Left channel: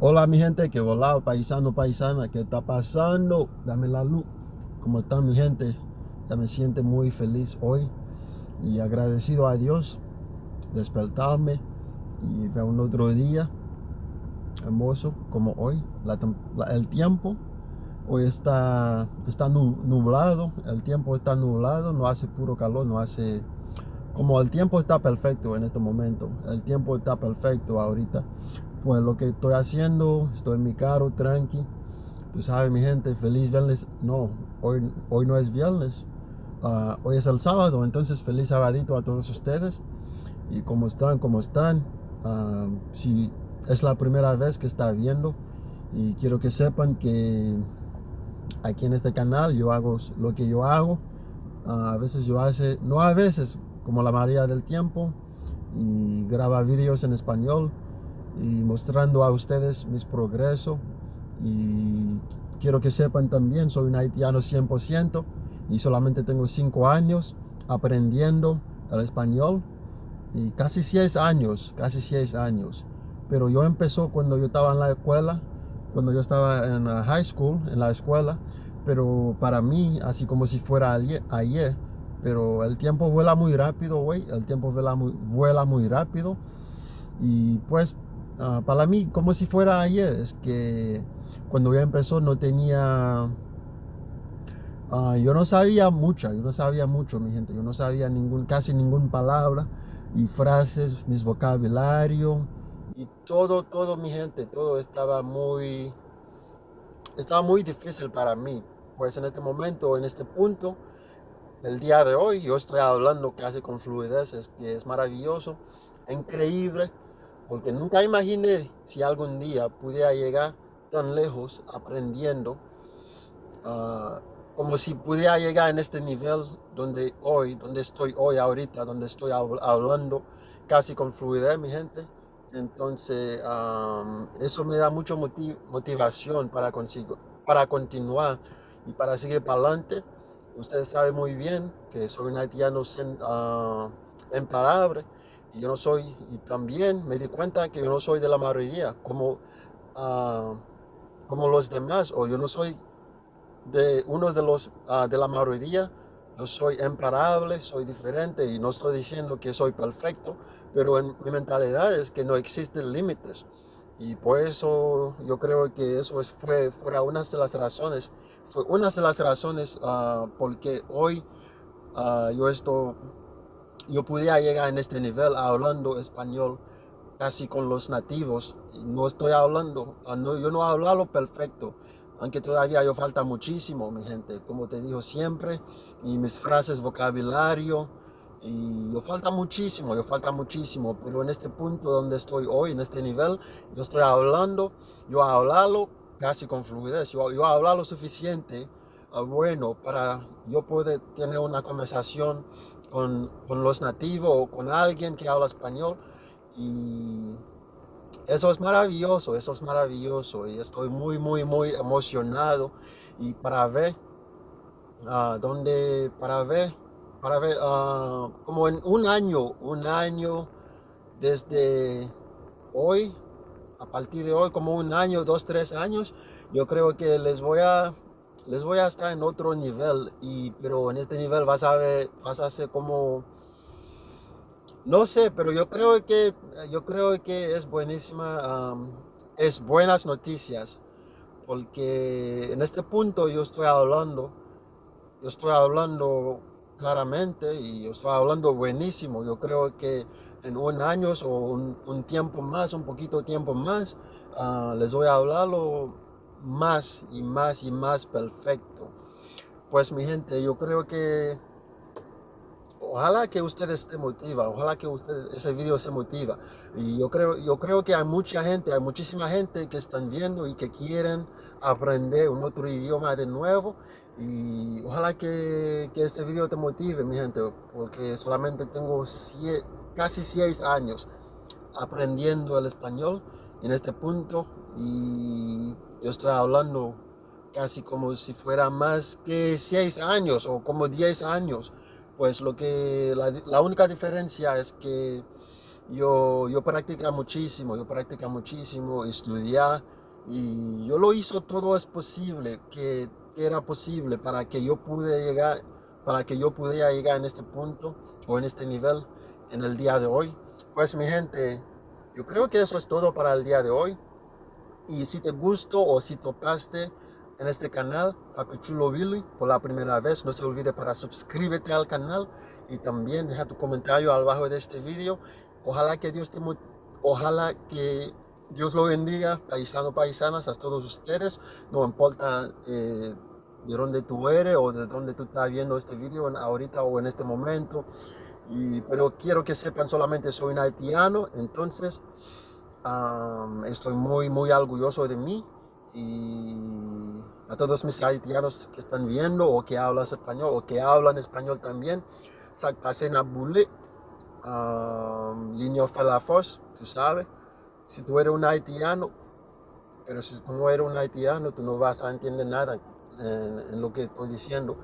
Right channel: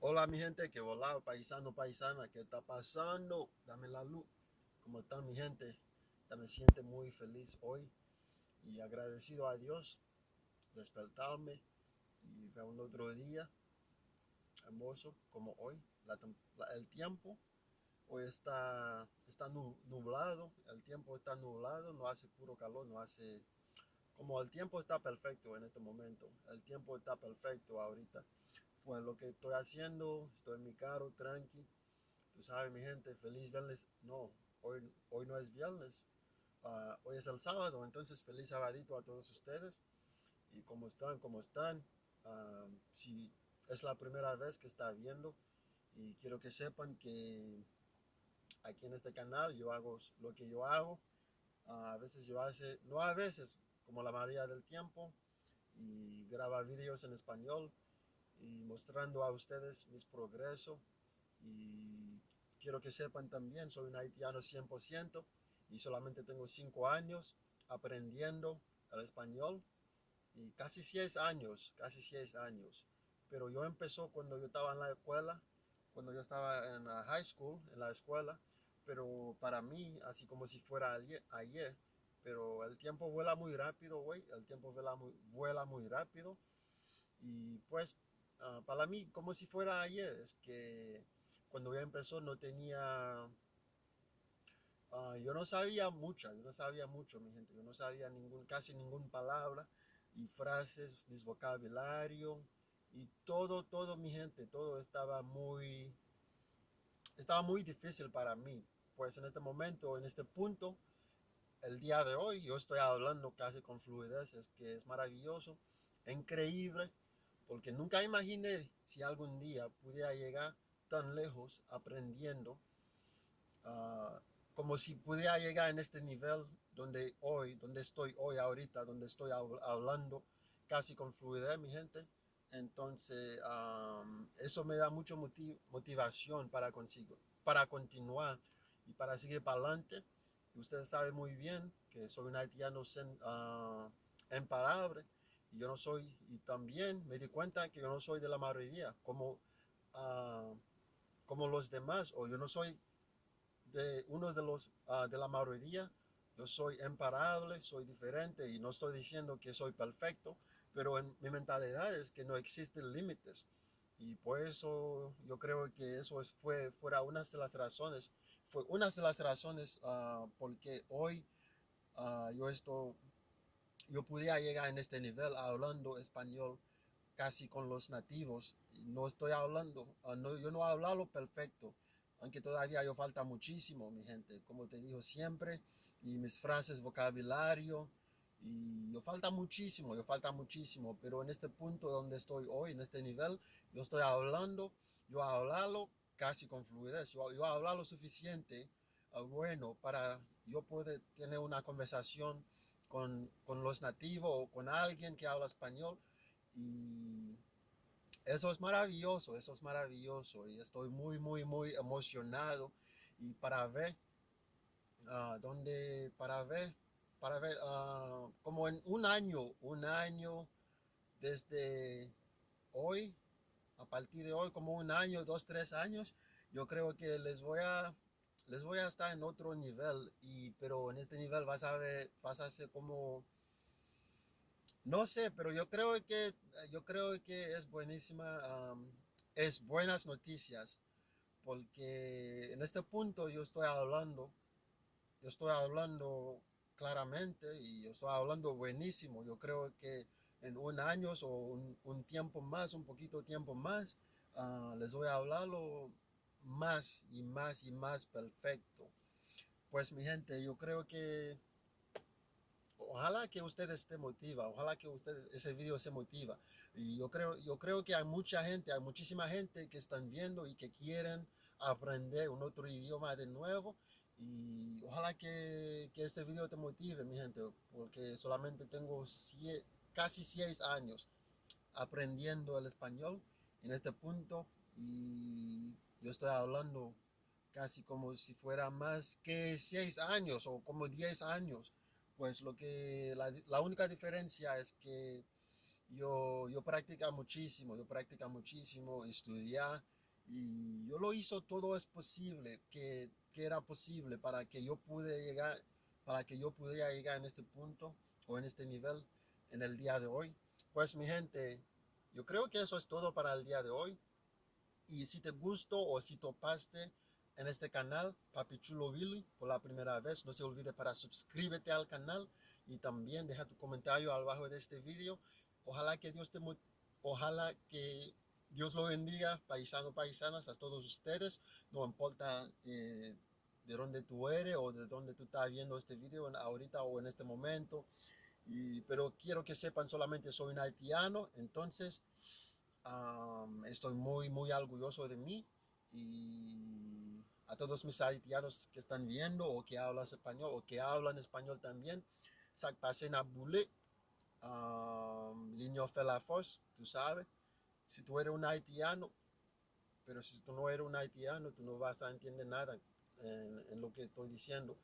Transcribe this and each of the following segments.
Hola mi gente, que volado, paisano, paisana, ¿qué está pasando? Dame la luz. ¿Cómo está mi gente? Ya me siento muy feliz hoy y agradecido a Dios despertarme y ver un otro día hermoso como hoy. El tiempo hoy está nublado, el tiempo está nublado, no hace puro calor, no hace... Como el tiempo está perfecto en este momento, el tiempo está perfecto ahorita. Pues lo que estoy haciendo, estoy en mi carro tranqui. Tú sabes, mi gente, feliz viernes. No, hoy no es viernes. Hoy es el sábado, entonces feliz sabadito a todos ustedes. ¿Y cómo están? ¿Cómo están? Si es la primera vez que está viendo, y quiero que sepan que aquí en este canal yo hago lo que yo hago. A veces yo hace, no a veces, como la mayoría del tiempo, y graba vídeos en español y mostrando a ustedes mis progresos. Y quiero que sepan también, soy un haitiano 100% y solamente tengo 5 años aprendiendo el español y casi 6 años. Pero yo empezó cuando yo estaba en la escuela, cuando yo estaba en la high school, en la escuela, pero para mí, así como si fuera ayer, pero el tiempo vuela muy rápido, güey, el tiempo vuela muy rápido y pues para mí, como si fuera ayer, es que cuando yo empezó no tenía, yo no sabía mucho, mi gente, yo no sabía casi ninguna palabra y frases, mis vocabulario y todo, mi gente, todo estaba muy difícil para mí. Pues en este momento, en este punto, el día de hoy, yo estoy hablando casi con fluidez, es que es maravilloso, increíble, porque nunca imaginé si algún día pudiera llegar tan lejos aprendiendo, ah, como si pudiera llegar en este nivel donde estoy hoy ahorita, donde estoy hablando casi con fluidez, mi gente. Entonces, eso me da mucha motivación para continuar y para seguir para adelante. Ustedes saben muy bien que soy un haitiano imparable y yo no soy, y también me di cuenta que yo no soy de la mayoría, ah, como los demás, o yo no soy de uno de la mayoría. Yo soy imparable, soy diferente y no estoy diciendo que soy perfecto, pero en mi mentalidad es que no existen límites. Y por eso yo creo que fuera fue una de las razones porque hoy ah, yo esto, yo podía llegar en este nivel hablando español casi con los nativos. Y no estoy hablando, yo no hablo a lo perfecto, aunque todavía yo falta muchísimo, mi gente, como te digo siempre, y mis frases, vocabulario, y yo falta muchísimo, pero en este punto donde estoy hoy, en este nivel, yo estoy hablando, yo hablarlo casi con fluidez, yo hablar lo suficiente, bueno, para yo poder tener una conversación con los nativos o con alguien que habla español. Y eso es maravilloso y estoy muy emocionado y para ver para ver como en un año desde hoy, a partir de hoy, como un año, 2, 3 años, yo creo que les voy a estar en otro nivel pero en este nivel vas a ser como, no sé, pero yo creo que es buenísima, es buenas noticias, porque en este punto yo estoy hablando claramente y yo estoy hablando buenísimo. Yo creo que en un año o un tiempo más, un poquito tiempo más, les voy a hablarlo más y más y más perfecto. Pues mi gente, yo creo que ojalá que ustedes se motiven, ojalá que ustedes ese video se motiva. Y yo creo que hay mucha gente, hay muchísima gente que están viendo y que quieren aprender un otro idioma de nuevo. Y ojalá que este video te motive, mi gente, porque solamente tengo casi 6 años aprendiendo el español en este punto y yo estoy hablando casi como si fuera más que 6 años o como 10 años. Pues la única diferencia es que yo practica muchísimo, estudiar, y yo lo hizo todo es posible, que era posible para que yo pudiera llegar en este punto o en este nivel en el día de hoy. Pues mi gente, yo creo que eso es todo para el día de hoy. Y si te gustó o si topaste en este canal, Papi Chulo Billy, por la primera vez, no se olvide para suscríbete al canal y también deja tu comentario abajo de este video. Ojalá que ojalá que Dios lo bendiga, paisanos, paisanas, a todos ustedes. No importa de dónde tú eres o de dónde tú estás viendo este video ahorita o en este momento. Pero quiero que sepan, solamente soy un haitiano, entonces estoy muy orgulloso de mí, y a todos mis haitianos que están viendo o que hablan español o que hablan español también, pasen a bullet, Linio Felafos, tú sabes, si tú eres un haitiano, pero si tú no eres un haitiano, tú no vas a entender nada en lo que estoy diciendo.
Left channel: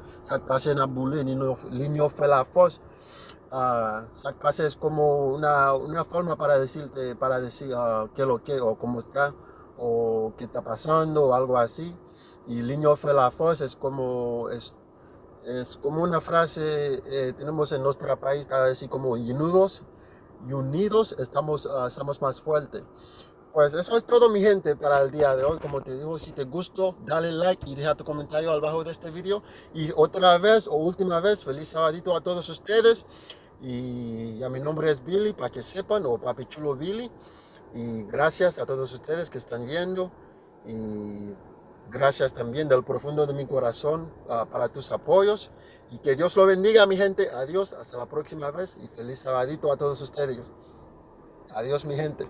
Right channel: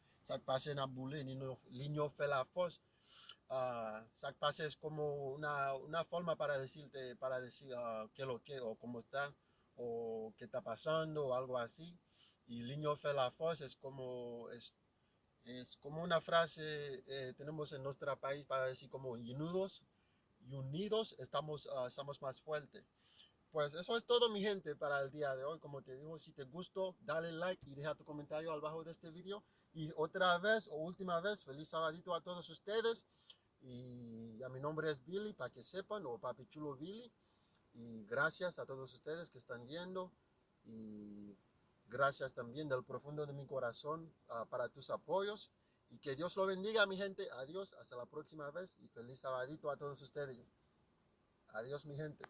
Pasen a bullet, Linio Felafos. Pase es como una forma para decirte, para decir qué lo que, o cómo está, o qué está pasando, o algo así. Y Liño Felafos es como una frase tenemos en nuestro país para decir como unidos estamos más fuertes. Pues eso es todo, mi gente, para el día de hoy. Como te digo, si te gustó, dale like y deja tu comentario abajo de este video. Y otra vez o última vez, feliz sabadito a todos ustedes. Y ya mi nombre es Billy, para que sepan, o Papi Chulo Billy. Y gracias a todos ustedes que están viendo. Y gracias también del profundo de mi corazón para tus apoyos. Y que Dios lo bendiga, mi gente. Adiós, hasta la próxima vez. Y feliz sabadito a todos ustedes. Adiós, mi gente.